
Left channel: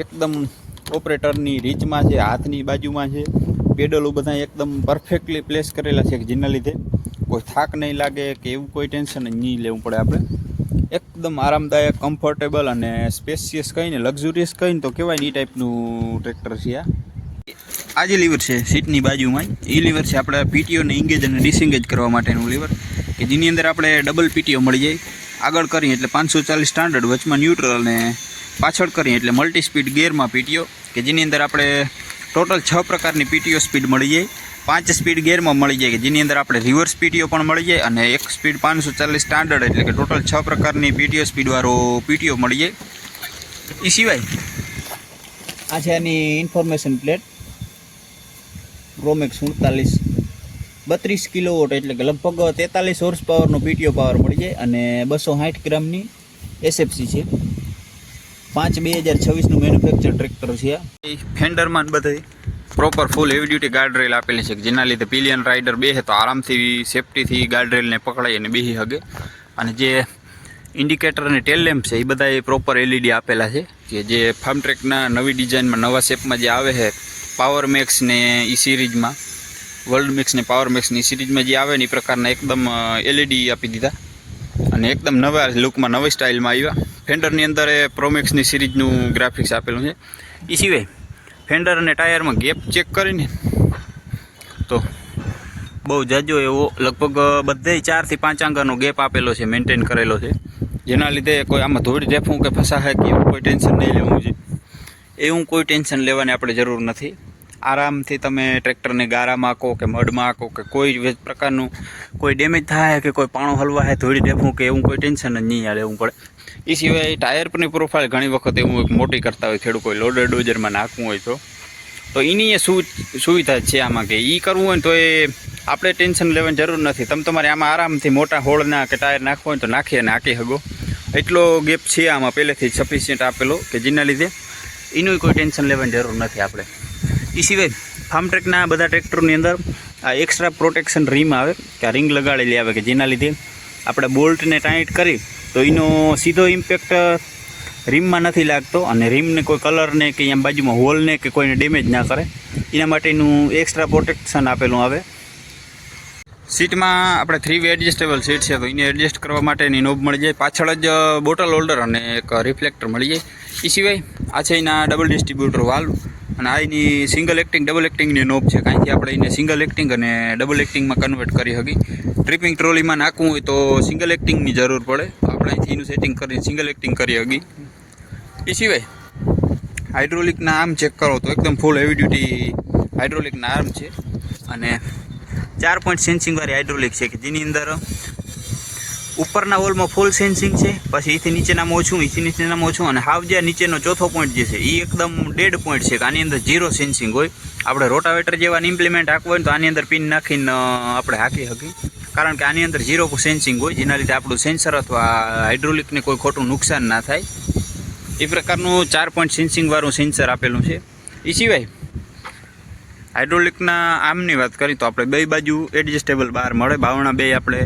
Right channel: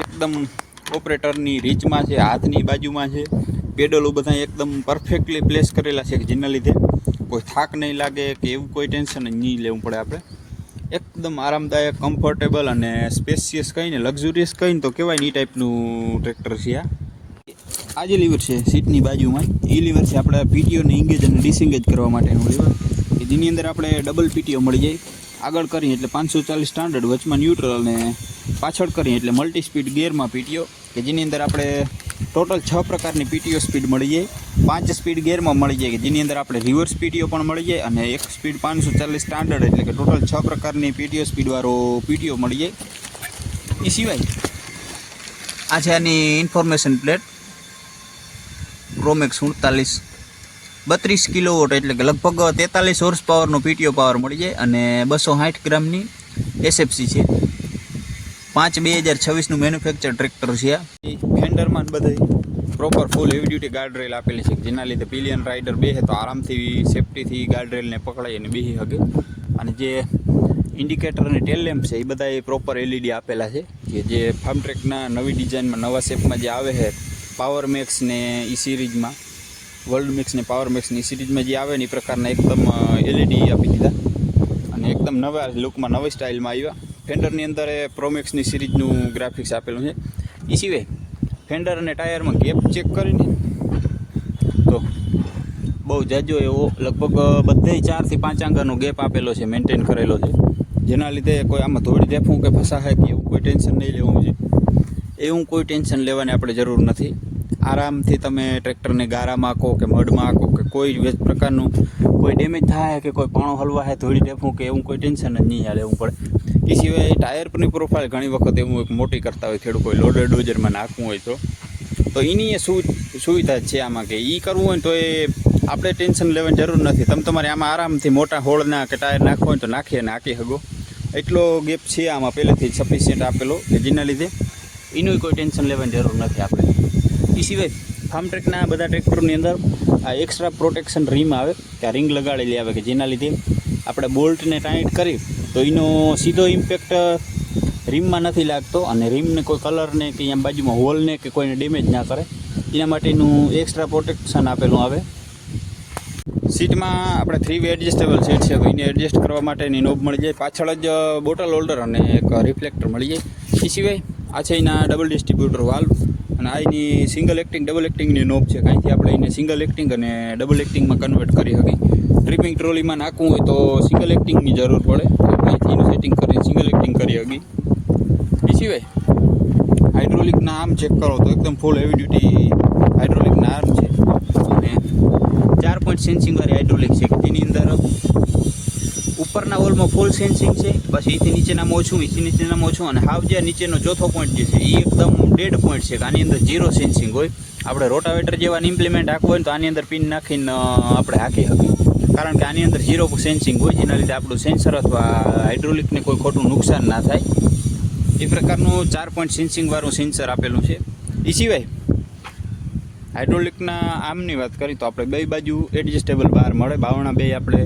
એકદમ ઓપરેટરની રીચમાં છે, હાથની બાજુમાં છે, પેડલો બધા એકદમ પરફેક્ટલી પ્લેસ કરેલા છે, કે જેના લીધે કોઈ થાક નહીં લાગે કે એવું કોઈ ટેન્શન જ નહીં લેવું પડે. આપણે એકદમ આરામદાયક, કમ્ફર્ટેબલ અને સ્પેશિયસ કહીને, લક્ઝુરિયસ કહીને તો કહેવાય ને એ ટાઈપનું ટ્રેક્ટર છે આ જે લીવર છે સીટની બાજુમાં, એ લીવર છે આપણે પીટીઓને એંગેજ અને ડિસએંગેજ કરવા માટેનું લીવર, કે જેની અંદર આપણે ડબલ પીટીઓ મળી જાય. આગળ કરીએ એટલે 540 સ્ટાન્ડર્ડ, વચમાં ન્યુટ્રલ, અને પાછળ કરીએ એટલે મલ્ટી સ્પીડ ગેરમાં પીટીઓ, કે જેની અંદર આપણે ટોટલ 6 પ્રકારની પીટીઓ સ્પીડ મળી જાય. 5 સ્પીડ ગેરમાં મળી જાય, કે જેની અંદર આપણે રિવર્સ પીટીઓ પણ મળી જાય, અને એક સ્પીડ 540 સ્ટાન્ડર્ડ, એટલે કે ટોટલ 6 પ્રકારની પીટીઓ સ્પીડવાળો પીટીઓ મળી જાય. એ સિવાય આ છે આની information plate, Pro Max 39 32 kilowatt, એટલે કે લગભગ 43 હોર્સ પાવરનો પીટીઓ પાવર મળી જાય, અને 260 ગ્રામની એસએફસી છે. 5/2026નું મેન્યુફેક્ચર ટ્રેક્ટર છે. ફેન્ડરમાં બધે પ્રોપર ફૂલ હેવી ડ્યુટી ગાર્ડ રેલ આપેલી છે, જેના લીધે પિલિયન રાઇડર બેસે તો આરામથી સેફ્ટીથી ગાર્ડ રેલને પકડાઈ અને બેસી શકે. અને જે ઇન્ડિકેટર અને ટેલ લેમ્પ છે એ બધા પ્રોપર એલઈડી આપેલા છે, કે જે ફાર્મટ્રેકના નવી ડિઝાઇનમાં, નવા શેપમાં જે આવે છે પાવર મેક્સ ને એ સિરીઝમાં, વર્લ્ડ મેક્સ ને પાવર મેક્સ ની સિરીઝમાં જે આવે ને એ પ્રકારના એકદમ એલઈડી આપી દીધા, અને એકદમ નવા લુકમાં, નવી સ્ટાઇલમાં આવ્યા. ફેન્ડરની અંદર એ પ્રોમેક્સની સિરીઝનું ગ્રાફિક્સ આપેલું છે. એ સિવાય ફેન્ડર અને ટાયરમાં ગેપ ચેક કરીને તો બહુ જાજો એવો લગભગ બધે 4 થી 5 આંગાનો ગેપ આપેલો છે, મેન્ટેન કરેલો છે, જેના લીધે કોઈ આમાં ધૂળ રેફું કે ફસાય કે એવું કોઈ ટેન્શન નહીં લેવું છે. એવું કોઈ ટેન્શન લેવાની આપણે જરૂર નથી. આરામથી તમે ટ્રેક્ટરને ગારામાં આંકો કે મડમાં આંકો, કે કોઈ પ્રકારનું કોઈ ડેમેજ થાય, કે કોઈ પાણો હલવા હોય, ધોળી રેફું કે એવું કોઈ ટેન્શન જ નહીં લેવું પડે. એ સિવાય ટાયર પરની પ્રોફાઇલ ઘણી વખત એવું એક મોટી કરતા હોય ખેડૂત, કોઈ લોડર ડોઝરમાં નાખવું હોય તો એની એ સુવિધા છે આમાં, કે એ કરવું હોય તો એ આપણે ટેન્શન લેવાની જરૂર નથી. તમે તમારે આમાં આરામથી મોટા હોળના કે ટાયર નાખવું હોય તો નાખી અને હાંકી શકો, એટલો ગેપ છે આમાં પહેલેથી સફિશિયન્ટ આપેલો, કે જેના લીધે એનું કોઈ ટેન્શન લેવાની જરૂર નથી આપણે. એ સિવાય ફાર્મટ્રેકના બધા ટ્રેક્ટરોની અંદર આ એક્સ્ટ્રા પ્રોટેક્શન રીમ આવે, કે આ રિંગ લગાડેલી આવે, કે જેના લીધે આપણે બોલ્ટને ટાઈટ કરી તો એનો સીધો ઇમ્પેક્ટ રીમમાં નથી લાગતો, અને રીમને કોઈ કલરને કે અહીંયા બાજુમાં હોલને કે કોઈને ડેમેજ ના કરે, એના માટેનું એક્સ્ટ્રા પ્રોટેક્શન આપેલું આવે. સીટમાં આપણે 3 વે એડજસ્ટેબલ સીટ છે, તો એને એડજસ્ટ કરવા માટેની નોબ મળી જાય. પાછળ જ બોટલ હોલ્ડર અને એક રિફ્લેક્ટર મળી જાય. એ સિવાય આ છે એના ડબલ ડિસ્ટ્રીબ્યુટર વાલ્વ, અને આ એની સિંગલ એક્ટિંગ, ડબલ એક્ટિંગની નોબ છે, કાંઈથી આપણે એને સિંગલ એક્ટિંગ અને ડબલ એક્ટિંગમાં કન્વર્ટ કરી શકીએ. ટ્રિપિંગ ટ્રોલીમાં નાખવું હોય તો સિંગલ એક્ટિંગની જરૂર પડે, આપણે અહીંથી એનું સેટિંગ કરીને સિંગલ એક્ટિંગ કરી શકીએ. એ સિવાય હાઇડ્રોલિકના આમ ચેક કરો તો એકદમ ફૂલ હેવી ડ્યુટી હાઇડ્રોલિકના આર્મ છે અને 4 પોઈન્ટ સેન્સિંગવાળી હાઇડ્રોલિક છે કે જેની અંદર ઉપરના વોલમાં ફૂલ સેન્સિંગ છે, પછી એથી નીચેનામાં ઓછું અને હાવ જે નીચેનો ચોથો પોઈન્ટ જે છે એ એકદમ ડેડ પોઈન્ટ છે કે આની અંદર 0 સેન્સિંગ હોય. આપણે રોટાવેટર જેવા ઇમ્પ્લિમેન્ટ હાંકવું હોય ને તો આની અંદર પિન નાખીને આપણે હાંકી શકીએ, કારણ કે આની અંદર 0 સેન્સિંગ હોય, જેના લીધે આપણું સેન્સર અથવા હાઇડ્રોલિકને કોઈ ખોટું નુકસાન ના થાય. એ પ્રકારનું 4 પોઈન્ટ સેન્સિંગવાળું સેન્સર આપેલું છે. એ સિવાય હાઇડ્રોલિકના આર્મની વાત કરીએ તો આપણે બે બાજુ એડજસ્ટેબલ બાર મળે, બાવણા બે આપણે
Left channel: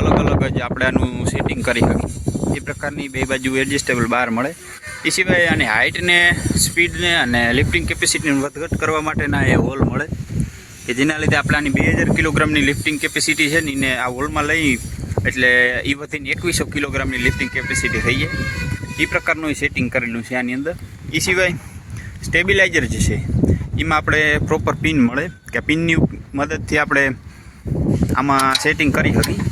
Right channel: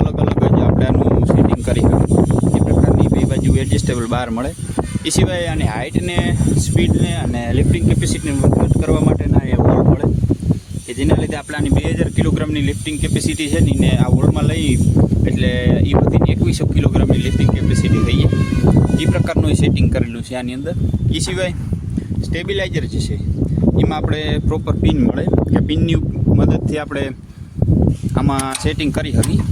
અલગ અલગ જ આપણે આનું સેટિંગ કરી શકીએ એ પ્રકારની બે બાજુ એડજસ્ટેબલ બાર મળે. એ સિવાય આની હાઇટને, સ્પીડને અને લિફ્ટિંગ કેપેસિટીને વધઘટ કરવા માટેના એ હોલ મળે કે જેના લીધે આપણે આની 2000 કિલોગ્રામની લિફ્ટિંગ કેપેસિટી છે ને એને આ હોલમાં લઈ એટલે એ વધીને 2100 કિલોગ્રામની લિફ્ટિંગ કેપેસિટી થઈ જાય. એ પ્રકારનું સેટિંગ કરેલું છે આની અંદર. એ સિવાય સ્ટેબિલાઇઝર જે છે એમાં આપણે પ્રોપર પિન મળે કે પિનની મદદથી આપણે આમાં સેટિંગ કરી શકીએ.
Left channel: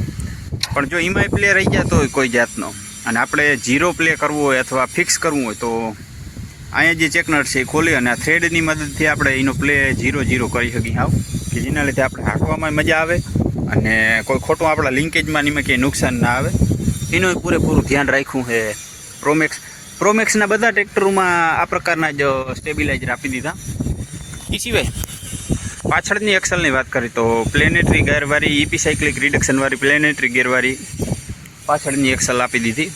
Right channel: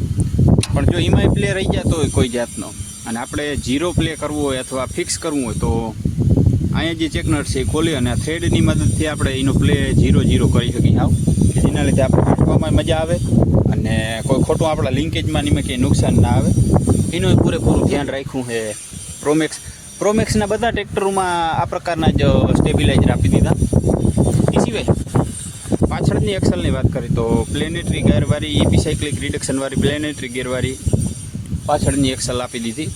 પણ જો એમાંય પ્લે રહી જતો હોય કોઈ જાતનો અને આપણે 0 પ્લે કરવું હોય અથવા ફિક્સ કરવું હોય તો અહીંયા જે ચેક નટ છે એ ખોલી અને આ થ્રેડની મદદથી આપણે એનો પ્લે 0-0 કરી શકીએ હાવ, કે જેના લીધે આપણે હાંકવામાં મજા આવે અને કોઈ ખોટું આપણા લિંકેજમાં એમાં ક્યાંય નુકસાન ના આવે. એનું પૂરેપૂરું ધ્યાન રાખ્યું છે પ્રોમેક્સના બધા ટ્રેક્ટરોમાં આ પ્રકારના જ સ્ટેબિલાઇઝર આપી દીધા. એ સિવાય પાછળની એક્સલની વાત કરીએ તો પ્લેનેટરી ગેરવાળી ઇપીસાઇક્લિક રિડક્શનવાળી પ્લેનેટરી ગેરવાળી પાછળની એક્સલ આપી દીધી.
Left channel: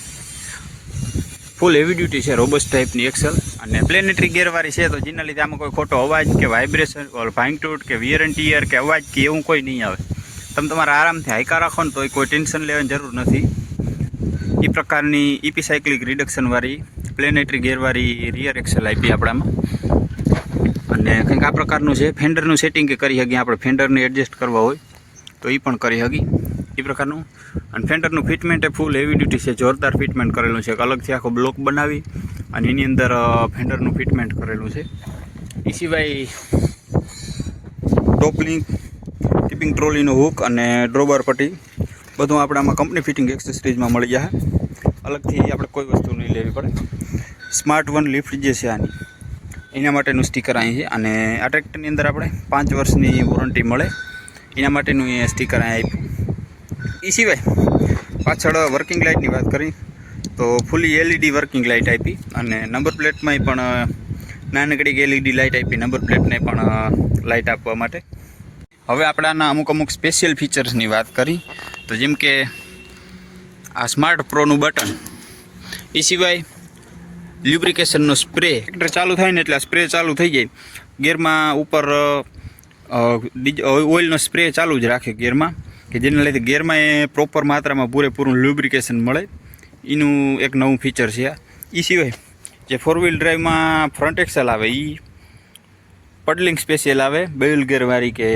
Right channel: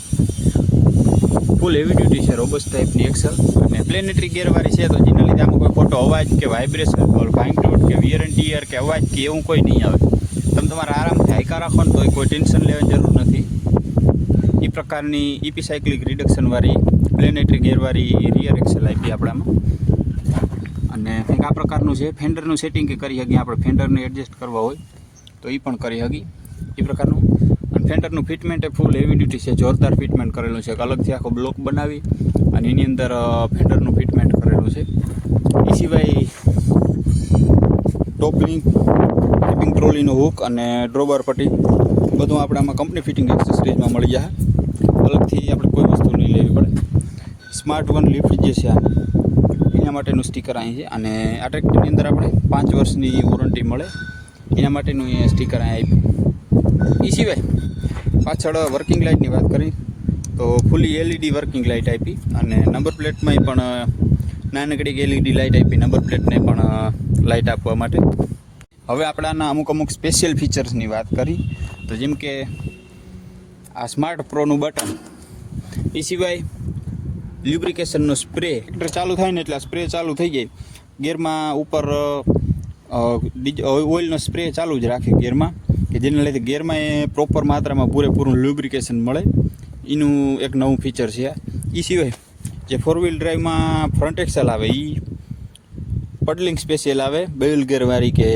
ફૂલ હેવી ડ્યુટી છે, રોબસ્ટ ટાઈપની એક્સલ અને પ્લેનેટરી ગેરવાળી છે તો જેના લીધે આમાં કોઈ ખોટો અવાજ કે વાઇબ્રેશન ભાંગતૂટ કે વિયર એન્ડ ટીયર કે અવાજ કે એવું કોઈ નહીં આવે. તમે તમારા આરામથી હાઈકા રાખો ને તો કોઈ ટેન્શન લેવાની જરૂર નથી. એ પ્રકારની ઇપીસાઇક્લિક રિડક્શનવાળી પ્લેનેટરી ગેરવાળી રિયર એક્સલ આપી આપણામાં. અને કંઈક આ પ્રકારનું છે. ફેન્ડરનું સેટિંગ કે કરી શકીએ આપણે, ફેન્ડરને એડજસ્ટ કરવા હોય તો એ પણ કરી શકીએ એ પ્રકારનું. અને ફેન્ડરનું ફિટમેન્ટ એ ફૂલ હેવી ડ્યુટી છે, જોરદાર ફિટમેન્ટ કરેલું છે. અલગથી આખો બ્લોક બનાવી અને એની અંદર ફેન્ડરનું ફિટમેન્ટ કરેલું છે. એ સિવાય ટોપ લિંક, ટિપિંગ ટ્રોલીનો હુક અને ડ્રોબર પટ્ટી બધું આપણે આમાં કંપની ફિટિંગ એક્સેસરીઝમાં મળી જાય. અલગથી આપણે કોઈ વસ્તુ નહીં લેવી પડે. સ્માર્ટ વન લિફ્ટ જે છે આની એના માટેનું સ્ટીકર અહીં છે અને આ ટ્રેક્ટરની અંદર આપણે 5 વર્ષની વોરંટી મળે એના માટેનું એ સ્ટીકર અહીં આપ્યું. એ સિવાય પાછળ વર્કિંગ લાઇટની વાત કરી તો ફૂલી LED વર્કિંગ લાઇટ આપી અને નંબર પ્લેટમાં પણ નાનકડી LED લાઇટ આપી, નંબર પ્લેટને પણ લાઇટ આપવા માટે. હવે આપણે આના અમુક સ્પેશિયલ ફીચર્સની વાત કરી તો જેમ કે આ સ્માર્ટ પ્રોનું બટન, એ સિવાય લ્યુબ્રિકેશનનો સ્પ્રે. ટ્રેક્ટર ચાલુ થાય ને એટલે આ સ્પ્રે ચાલુ થઈ જાય. ગેરમાં ઉપર ઓઇલનો સ્પ્રે ચાલુ જ રાખે ગેરમાં, કે જેના લીધે ગેરમાં એ પ્રોપર માત્રામાં પૂરેપૂરું લ્યુબ્રિકેશન મળે. એનું એક નવું ફીચર છે આ. એ સિવાય જે 4 વ્હીલ ડ્રાઈવમાં ફ્રન્ટ એક્સલ આવે એ પડલિંગ સ્પેશિયલ આવે, બેલ ગેરવાળી કે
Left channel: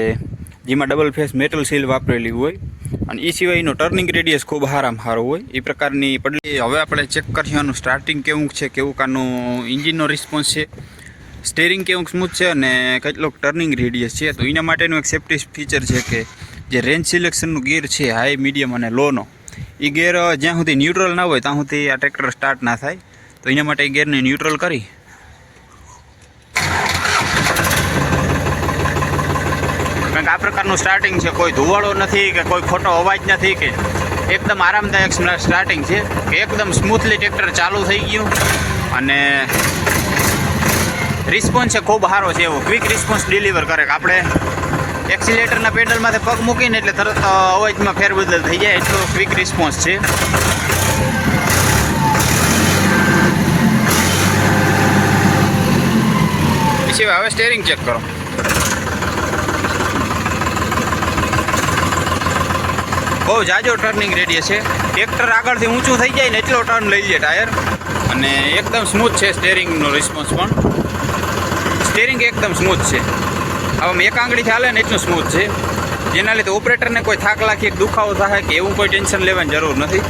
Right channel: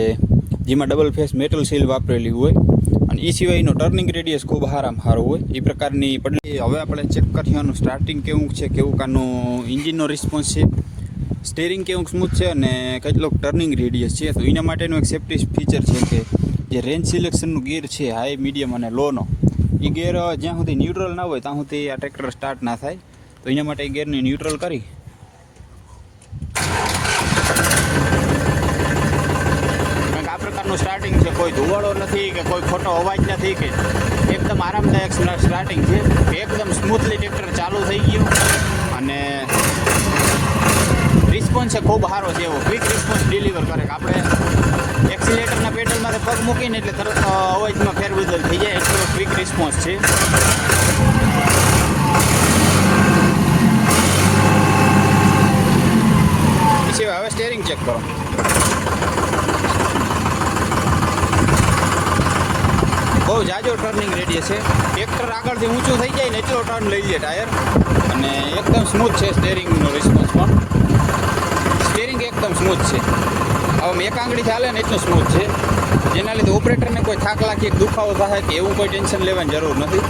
જેમાં ડબલ ફેસ મેટલ સીલ વાપરેલી હોય. અને એ સિવાય એનો ટર્નિંગ રેડિયસ ખૂબ સારો હોય એ પ્રકારની પડલી. હવે આપણે ચેક કરીએ આનું સ્ટાર્ટિંગ કેવું છે, કેવું કાનું ઇન્જિનનો રિસ્પોન્સ છે, સ્ટેરિંગ કેવું સ્મૂથ છે અને કેટલોક ટર્નિંગ રેડિયસ છે. તો એના માટેનું એક સેફ્ટી ફીચર છે કે જે રેન્જ સિલેક્શનનું ગિયર છે હાઈ, મીડિયમ અને લોનો, એ ગિયર જ્યાં સુધી ન્યુટ્રલ ના હોય ત્યાં સુધી આ ટ્રેક્ટર સ્ટાર્ટ ના થાય. તો એના માટે ગિયરને ન્યુટ્રલ કરી કારણ કે આ પ્રકારનું સ્ટાર્ટિંગ છે, કોઈ ધુવાળો નથી કે કોઈ ખોટો અવાજ નથી, કે એકદમ આરામદાયક સ્ટાર્ટિંગ છે કે એકદમ સ્મૂથલી ટ્રેક્ટર ચાલુ થઈ ગયું. અને રિસ્પોન્સ છે ખૂબ સારો છે, એવો ક્વિક રિસ્પોન્સ ડિલિવર કરે કે આપણે એક્સિલેટરના પેડલમાંથી પગ મૂકીને એટલે તરત અવાજમાં ફેરબદલ થઈ જાય એટલો ક્વિક રિસ્પોન્સ છે. પછી હવે સ્ટેરિંગ ચેક કરો. બહુ જાજો ટર્નિંગ રેડિયસ છે. ટ્રેક્ટર આગળથી ઊંચું થઈ જાય ને એટલો ટર્ન લઈ લે ટાયર. અને એકદમ સ્મૂથ છે સ્ટેરિંગનો રિસ્પોન્સ પણ. સ્ટેરિંગ એકદમ સ્મૂથ છે. હવે એક આંગળીથી હાલે ને એટલું સ્મૂથ છે, જેના લીધે ઓપરેટરને કોઈ થાક લાગી દુખાવો થાય કે એવું કોઈ ટેન્શન લેવાની જરૂર નથી.